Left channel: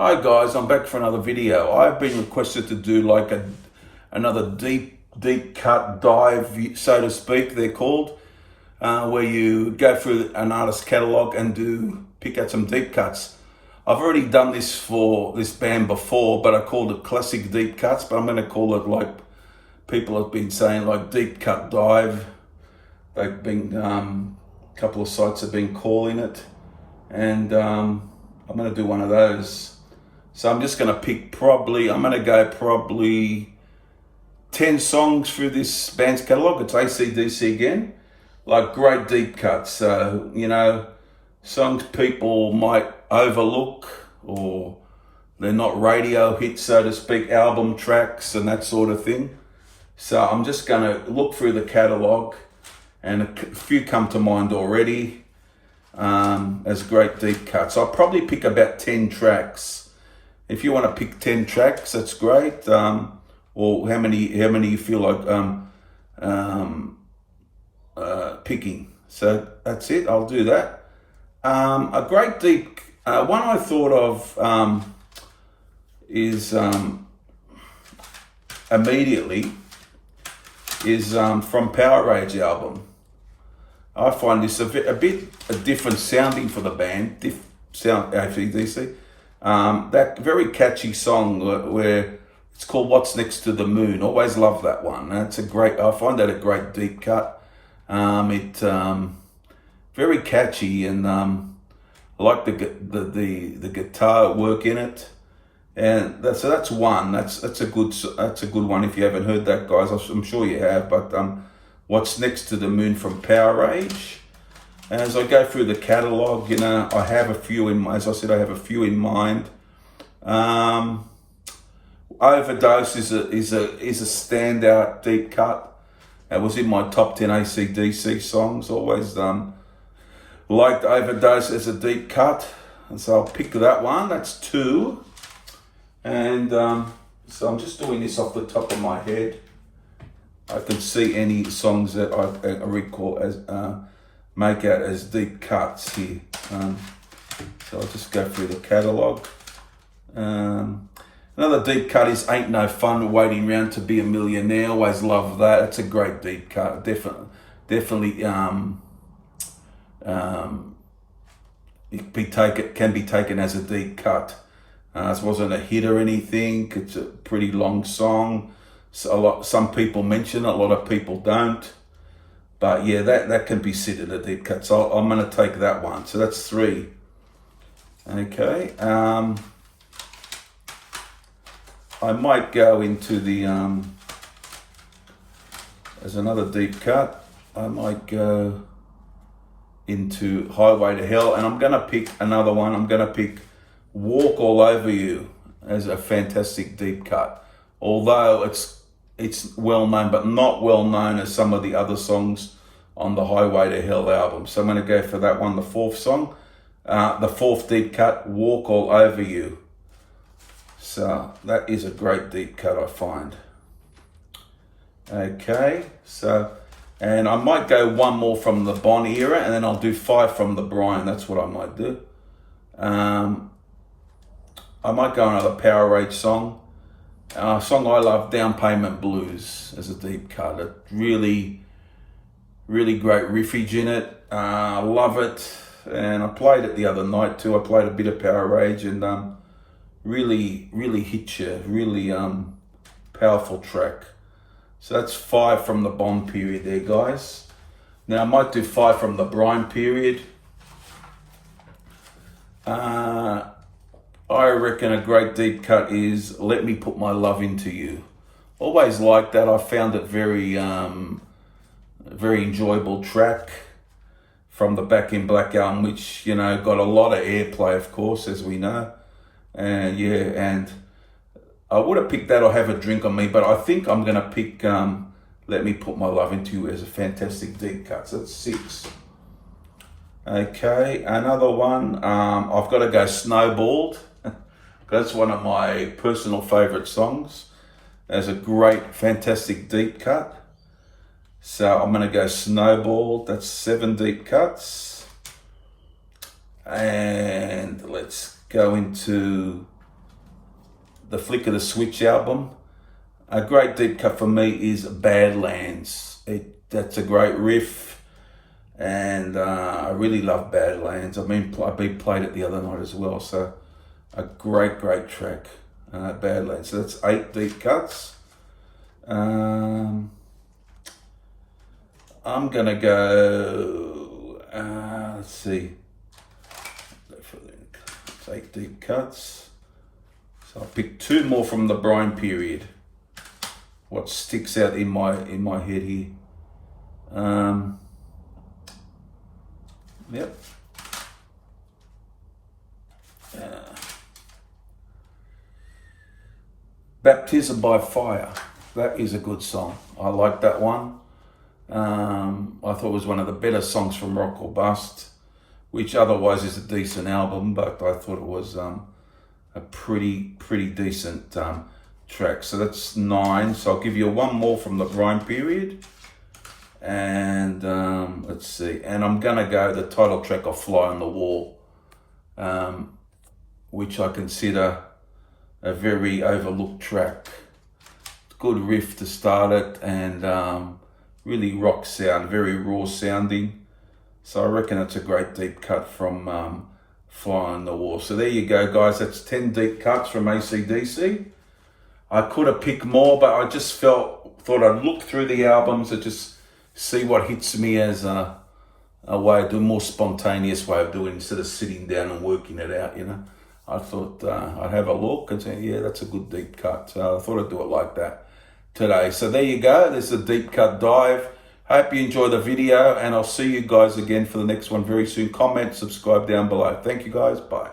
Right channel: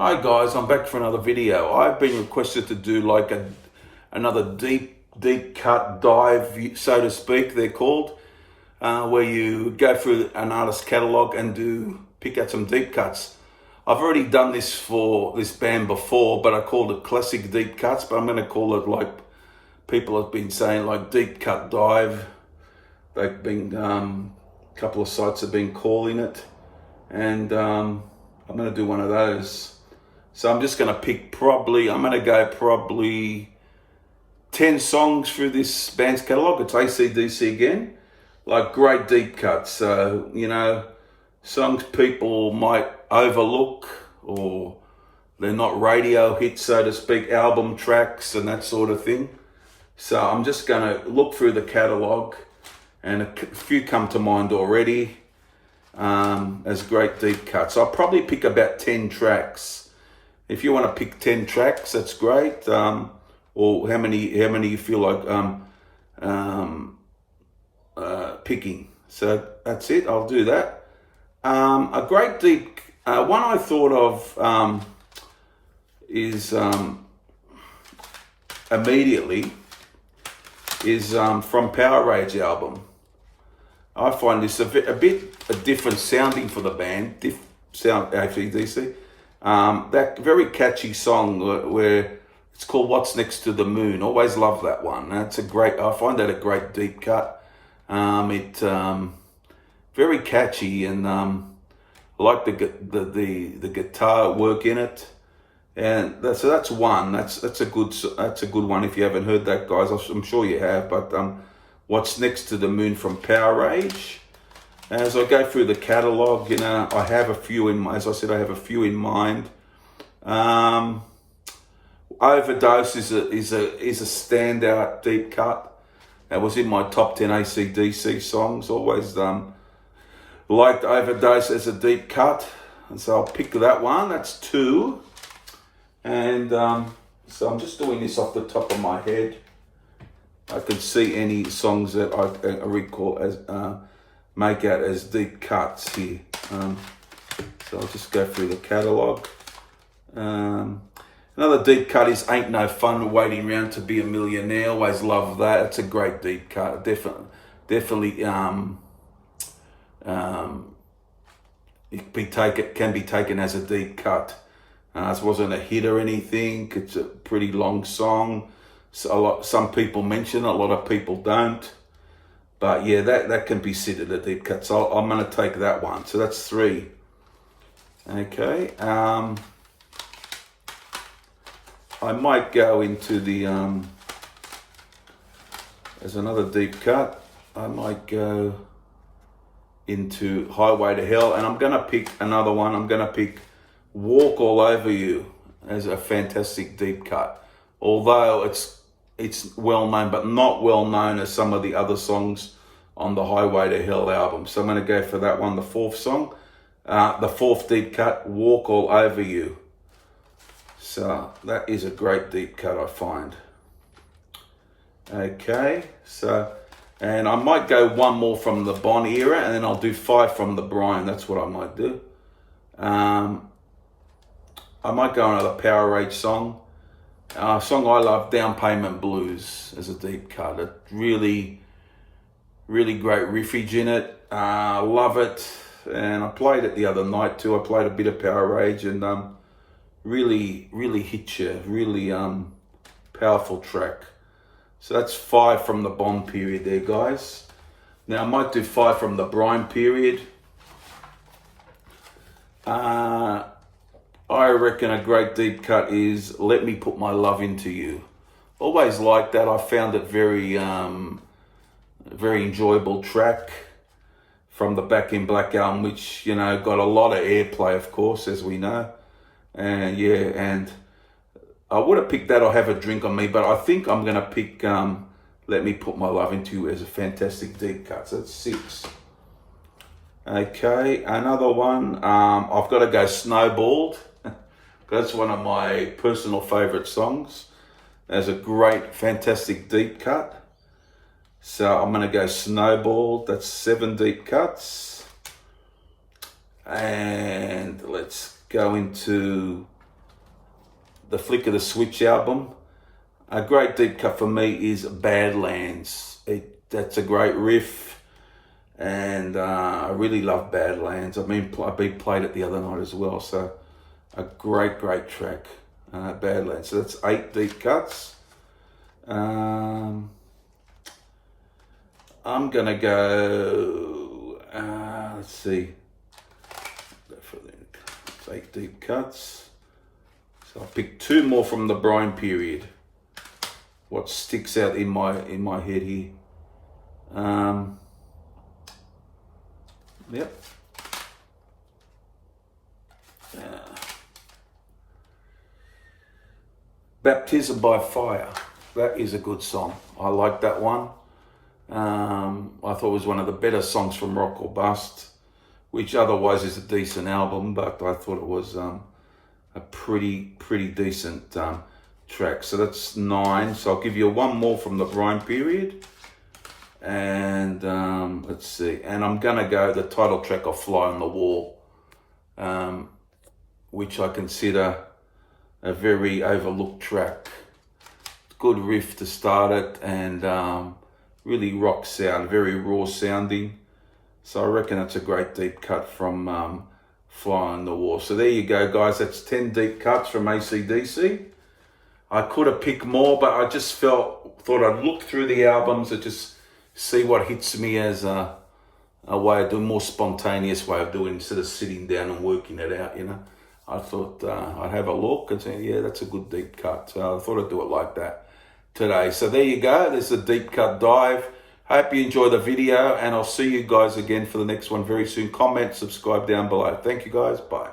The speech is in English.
Hi guys, I'm back for another video. I've been requested to do like another deep cut dive, so to speak, they're called, where you go through an artist's catalog and pick out some deep cuts. I've already done this for this band before, but I called it classic deep cuts, but I'm going to call it, like people have been saying, like deep cut dive. They've been, a couple of sites have been calling it, and I'm going to do one of those. So I'm just going to pick I'm going to go probably 10 songs through this band's catalogue. It's AC/DC again, like great deep cuts. So, songs people might overlook, or they're not radio hits, so to speak, album tracks and that sort of thing. So I'm just going to look through the catalogue, and a few come to mind already as great deep cuts. I'll probably pick about 10 tracks. If you want to pick 10 tracks, that's great. Or how many you feel like picking. So that's it. I'll do that. A great deep one I thought of is immediately is from Power Rage album. I find this a bit different sounding for the band. Sound AC/DC. That very catchy song where it's called "What's Next to the Moon." Always love that one. I find that a great deep cut. Very catchy, and I like the guitar work in it. And that's one. That's a good one. If you haven't heard that, guys, I'm sure you have. But "What's Next to the Moon" from Power Rage. As I go through the catalogue, I have a few in mind. As I said, I have a few in mind. "Overdose" is a standout deep cut. It was in my top 10 AC/DC songs. Always liked "Overdose" as a deep cut, and so I'll pick that one. That's two. And so I'm just doing this off the top of my head. I can see any songs that I recall as make out as deep cuts here. So I'll just go through the catalogue. Another deep cut is "Ain't No Fun Waiting Around to Be a Millionaire." Always love that. It's a great deep cut. Definitely it can be taken as a deep cut. This wasn't a hit or anything. It's a pretty long song. Some people mention it, a lot of people don't. But yeah, that can be considered a deep cut. So I'm going to take that one. So that's three. Okay. I might go into the, as another deep cut, I might go into "Highway to Hell." And I'm going to pick another one. I'm going to pick "Walk All Over You" as a fantastic deep cut. Although it's well known, but not well known as some of the other songs on the "Highway to Hell" album. So I'm going to go for that one, the fourth song, the fourth deep cut, "Walk All Over You." So that is a great deep cut, I find. Okay, and I might go one more from the Bon era, and then I'll do 5 from the Brian. That's what I might do. I might go another Power Rage song. A song I love, "Down Payment Blues" as a deep cut. A really, really great riffage in it. I love it. And I played it the other night too. I played a bit of Power Rage, and really, really hit you. Really powerful track. So that's 5 from the Bond period there, guys. Now I might do 5 from the Brian period. I reckon a great deep cut is "Let Me Put My Love Into You." Always liked that. I found it very enjoyable track from the Back in Black album, which, got a lot of airplay, of course, as we know. And I would have picked that or "Have a Drink on Me," but I think I'm going to pick "Let Me Put My Love Into You" as a fantastic deep cut. So that's 6. Okay, another one. I've got to go "Snowballed." That's one of my personal favourite songs. There's a great, fantastic deep cut. So I'm going to go "Snowballed." That's 7 deep cuts. And let's go into the Flick of the Switch album. A great deep cut for me is Badlands. That's a great riff, and I really love Badlands. I mean, I played it the other night as well, so a great track, Badlands. So that's 8 deep cuts. I'm gonna go, let's see, it's 8 deep cuts. So I picked 2 more from the Brian period. What sticks out in my head here? Yep. Baptism by Fire. That is a good song. I like that one. I thought it was one of the better songs from Rock or Bust, which otherwise is a decent album, but I thought it was a pretty decent track. So that's 9. So I'll give you 1 more from the Brian period. And let's see. And I'm gonna go the title track of Fly on the Wall, which I consider a very overlooked track. Good riff to start it, and really rock sound, very raw sounding. So I reckon it's a great deep cut from Fly on the Wall. So there you go, guys. That's 10 deep cuts from AC/DC. I could have picked more, but I just thought I'd look through the albums and just see what hits me as a way of doing, more spontaneous way of doing, instead of sitting down and working it out, you know. I thought I'd have a look and say, yeah, that's a good deep cut. So I thought I'd do it like that today. So there you go. There's a deep cut dive. Hope you enjoy the video, and I'll see you guys again for the next one very soon. Comment, subscribe down below. Thank you, guys. Bye.